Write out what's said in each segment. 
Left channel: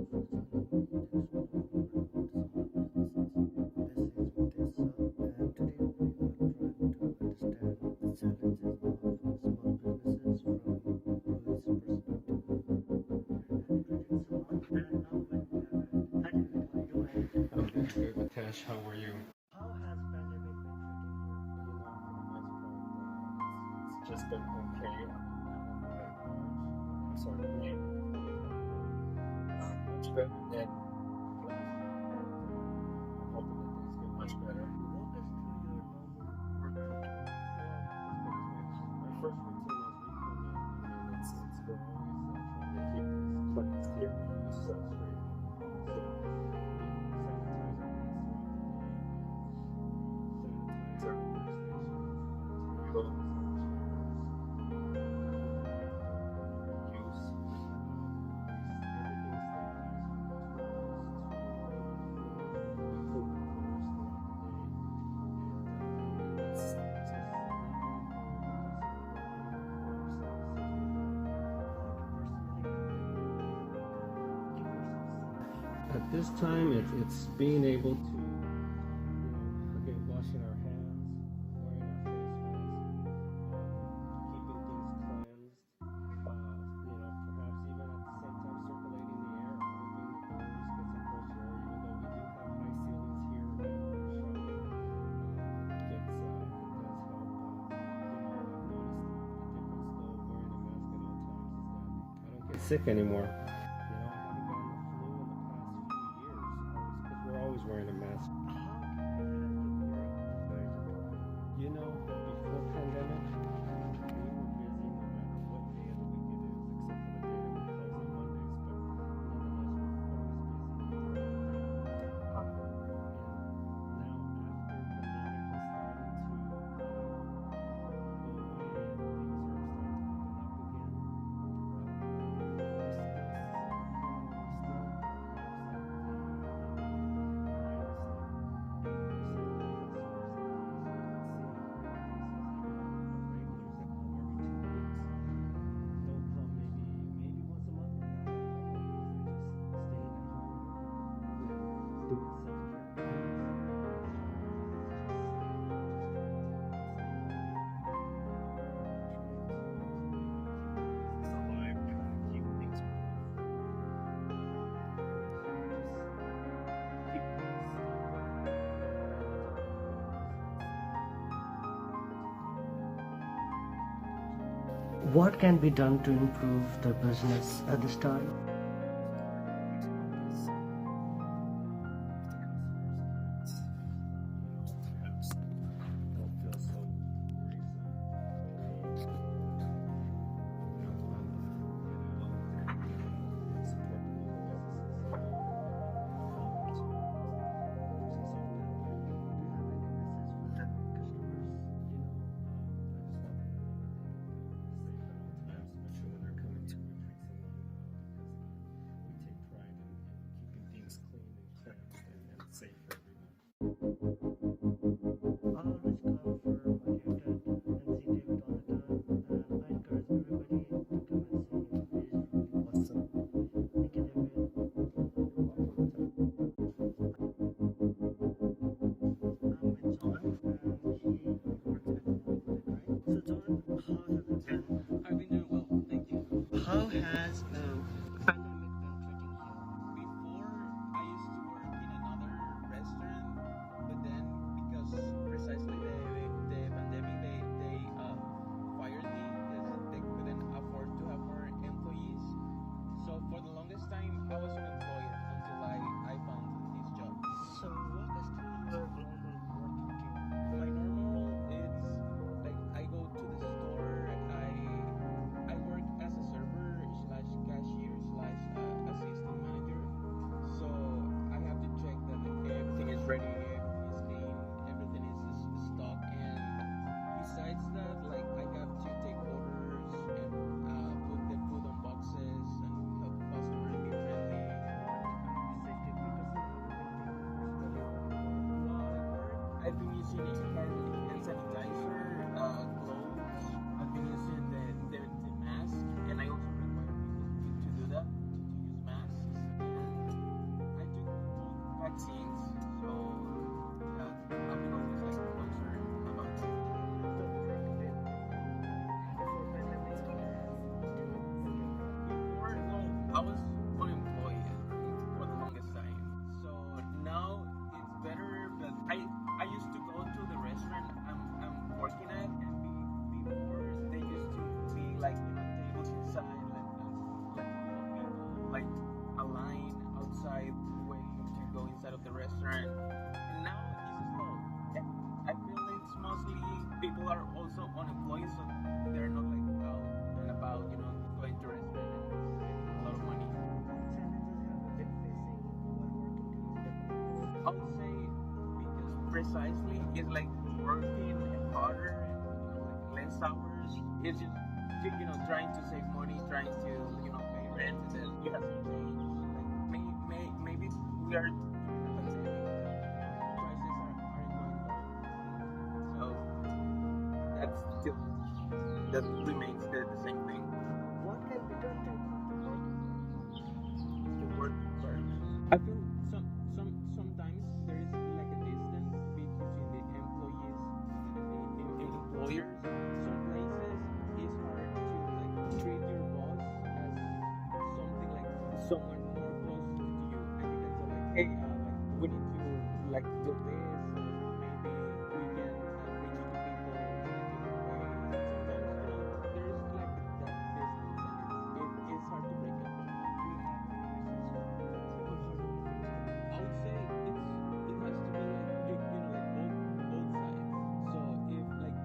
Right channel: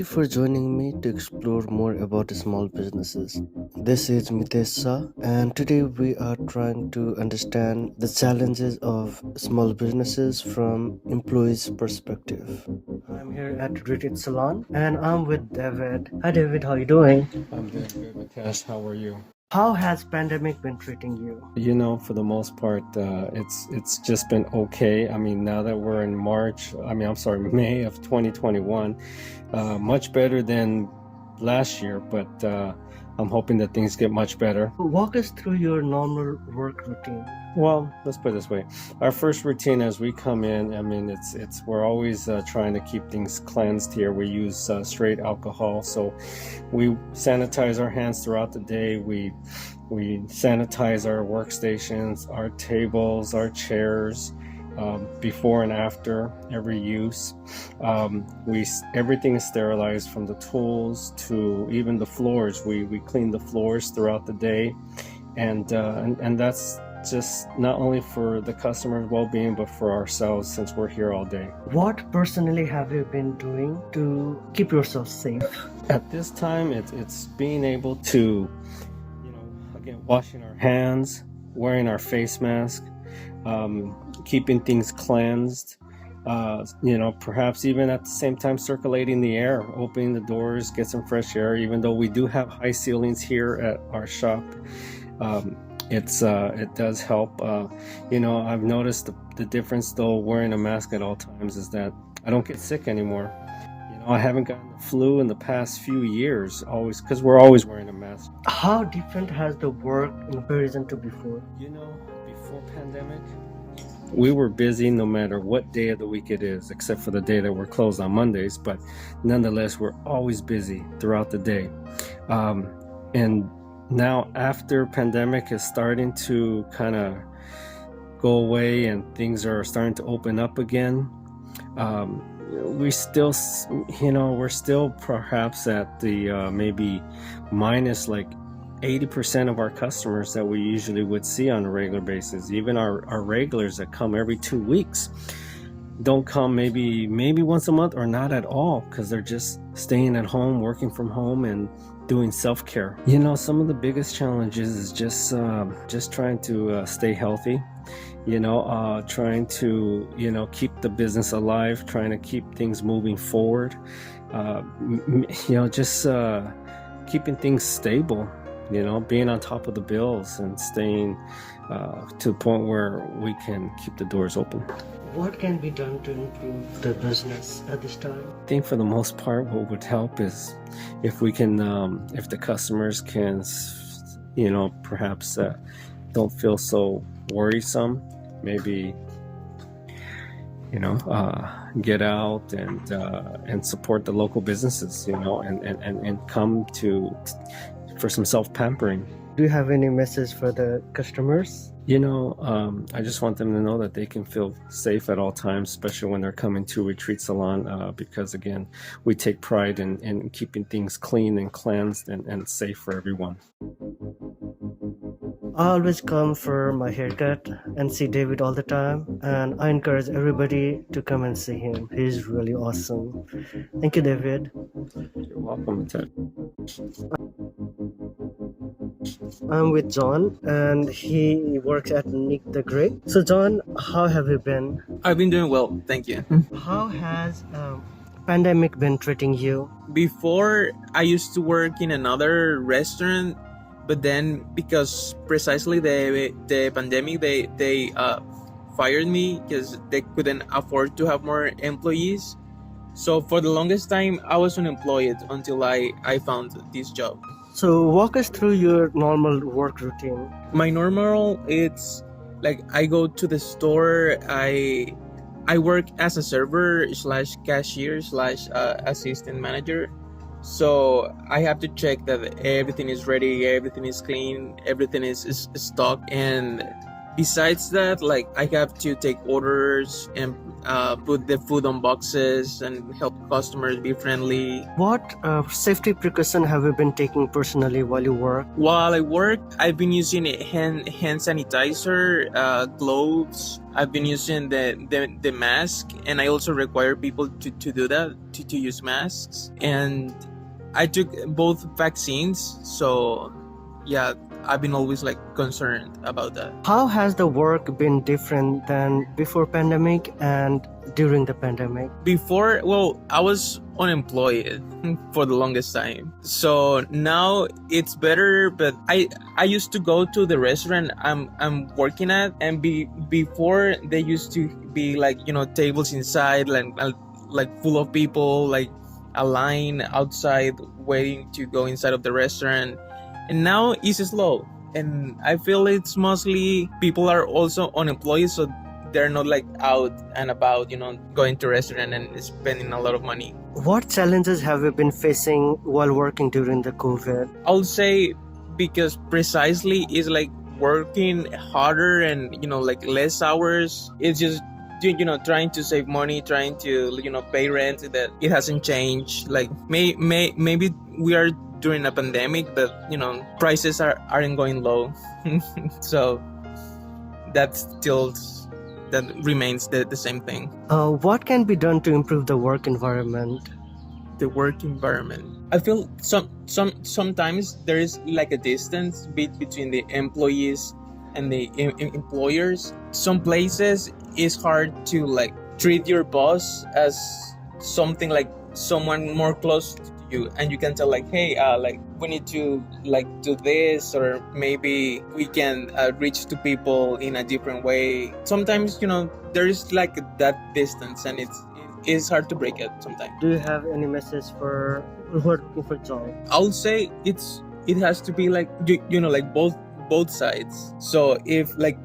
you for joining me to explore more about small businesses. This is Mitesh Shah, and today we are trying to understand the challenges of small businesses from employees' perspective. I'm here at Retreat Salon, and I'm with David. Hi, David. How are you doing? I'm doing good, Mitesh. How are you? How has pandemic been treating you? For the most part, it's just been okay. I mean, now that we're in March, I'm sorry, May of 2021, much better than last year, but I'm hoping that things get much better. Walk us through your normal work routine. Well, let's put it this way. Our first routine as we come in, it's we're always trying to keep things cleansed here. We use straight alcohol, so we sanitize our hands throughout the day. We sanitize our workstations, our tables, our chairs, before and after every use. Everything is sterilized from the tools to even the floors. We clean the floors throughout the day, and that's just not only for the customer's well-being but for ourselves, since we're here all day. What personally have you been doing to keep yourself safe? At this time, it's being able to, again, washing our hands, wearing our face mask, keeping things cleansed, perhaps even at the same time circulating the air, opening the doors, get some fresh air. Even though we do have high ceilings here at our shop, it does help. I've noticed the difference though wearing a mask at all times is that I don't get sick anymore. I haven't gotten the flu in the past few years, always, because we're always wearing a mask. How different has the work in comparison to before? Before pandemic, we were busy no matter what day of the week it is, except for the day that we're closed on Mondays, but nonetheless, we're always busy throughout the day. And now after pandemic is starting to kind of go away and things are starting to open up again, we're still perhaps at the maybe minus like 80% of our customers that we usually would see on a regular basis. Even our regulars that come every 2 weeks don't come maybe once a month or not at all, because they're just staying at home, working from home, and doing self-care. Some of the biggest challenges is just trying to stay healthy, trying to keep the business alive, trying to keep things moving forward, just keeping things stable, being on top of the bills and staying to the point where we can keep the doors open. What can be done to improve the business at this time? I think for the most part, what would help is if we can, if the customers can, perhaps don't feel so worrisome, maybe, get out and support the local businesses, and come for some self-pampering. Do you have any message for the customers? I just want them to know that they can feel safe at all times, especially when they're coming to Retreat Salon, because again, we take pride in keeping things clean and cleansed and safe for everyone. I always come for my haircut and see David all the time, and I encourage everybody to come and see him. He's really awesome. Thank you, David. You're welcome, Ted. I'm with John, and he works at Nick the Great. So, John, how have you been? I've been doing well, thank you. How has pandemic been treating you? Before, I used to work in another restaurant, but then because precisely the pandemic, they fired me because they couldn't afford to have more employees. So for the longest time, I was unemployed until I found this job. So walk us through your normal work routine. My normal, it's like I go to the store, I work as a server slash cashier slash assistant manager. So I have to check that everything is ready, everything is clean, everything is stocked. And besides that, like I have to take orders and put the food on boxes and help customers be friendly. What safety precaution have you been taking personally while you work? While I work, I've been using a hand sanitizer, gloves. I've been using the mask, and I also require people to do that, to use masks. And I took both vaccines, so yeah, I've been always like concerned about that. How has the work been different than before pandemic and during the pandemic? Before, well, I was unemployed for the longest time, so now it's better. But I used to go to the restaurant I'm working at, and before they used to be like, tables inside, like full of people, like a line outside waiting to go inside of the restaurant. And now it's slow, and I feel it's mostly people are also unemployed, so they're not like out and about, going to restaurant and spending a lot of money. What challenges have you been facing while working during the COVID? I'll say, because precisely is like working harder and like less hours. It's just trying to save money, trying to pay rent. That it hasn't changed. Like maybe we are during a pandemic, but prices aren't going low. So that still that remains the same thing. What can be done to improve the work environment? The work environment, I feel sometimes there is like a distance between the employees and the employers. Some places it's hard to like treat your boss as something like someone more close to you, and you can tell like, hey, like we need to like do this, or maybe we can reach to people in a different way. Sometimes there is like that distance, and it's hard to break it sometimes. Do you have any message for working for job? I'll say it has to be like like both sides. So if like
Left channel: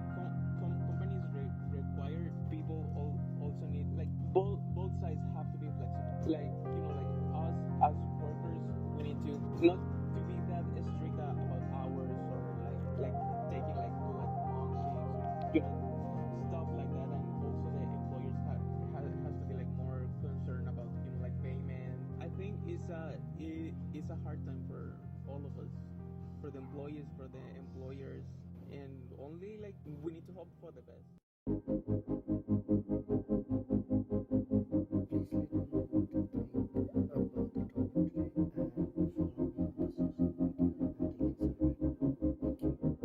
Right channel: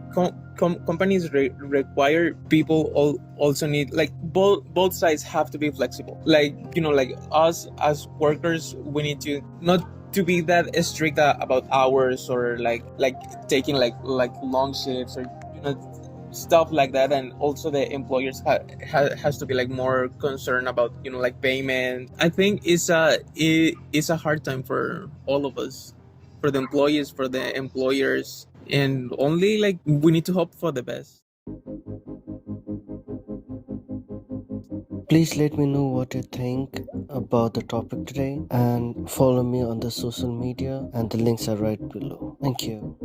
companies require people, also need like both sides have to be flexible. Like like us as workers, we need to not to be that strict about hours, or like taking like long shifts, or stuff like that. And also the employers has to be like more concerned about like payment. I think it's a hard time for all of us, for the employees, for the employers, and only like we need to hope for the best. Please let me know what you think about the topic today, and follow me on the social media, and the links are right below. Thank you.